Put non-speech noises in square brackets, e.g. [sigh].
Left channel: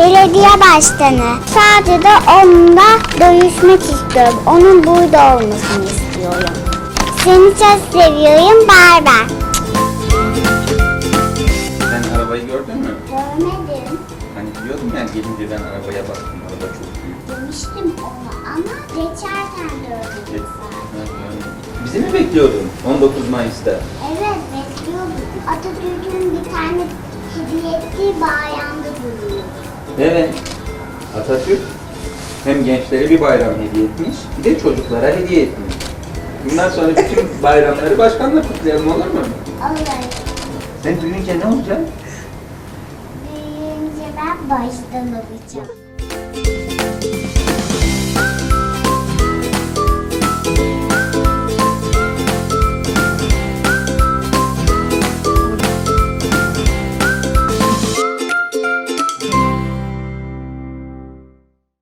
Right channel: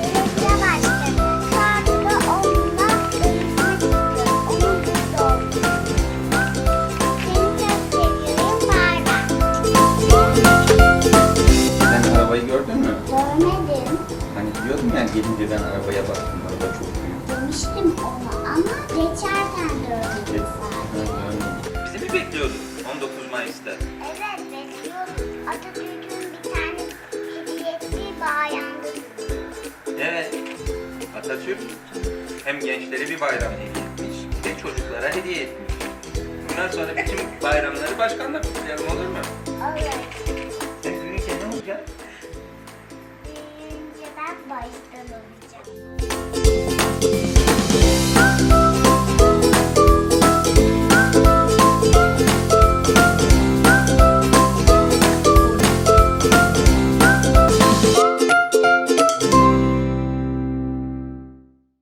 belediye başkanı. Sadece onunla görüşmek istiyorum. Onun burada olmasını istiyorum. Seni çok seviyorum. Bay. Sen arabayı gördün mü? Görmedim. Hani diyordum ya gelince ben arabaya baktım. Araba çok büyük. Demiştim ona ama geçerken gördüm Evet. sadece. Bizi mi bekliyordun 19 Mayıs'ta? Evet bekliyordum. Atatürk'ün bir tane Evet. Atatürk hem gençlere bir bayram hediye etmiş, bir de çocuklara hediye etmiş. Bundan sonra bütün [laughs] bayramları başkanla kutlayalım olur mu? Olur. Sen büyüyünce ne olacaksın? Büyüyünce ben baştan olacağım.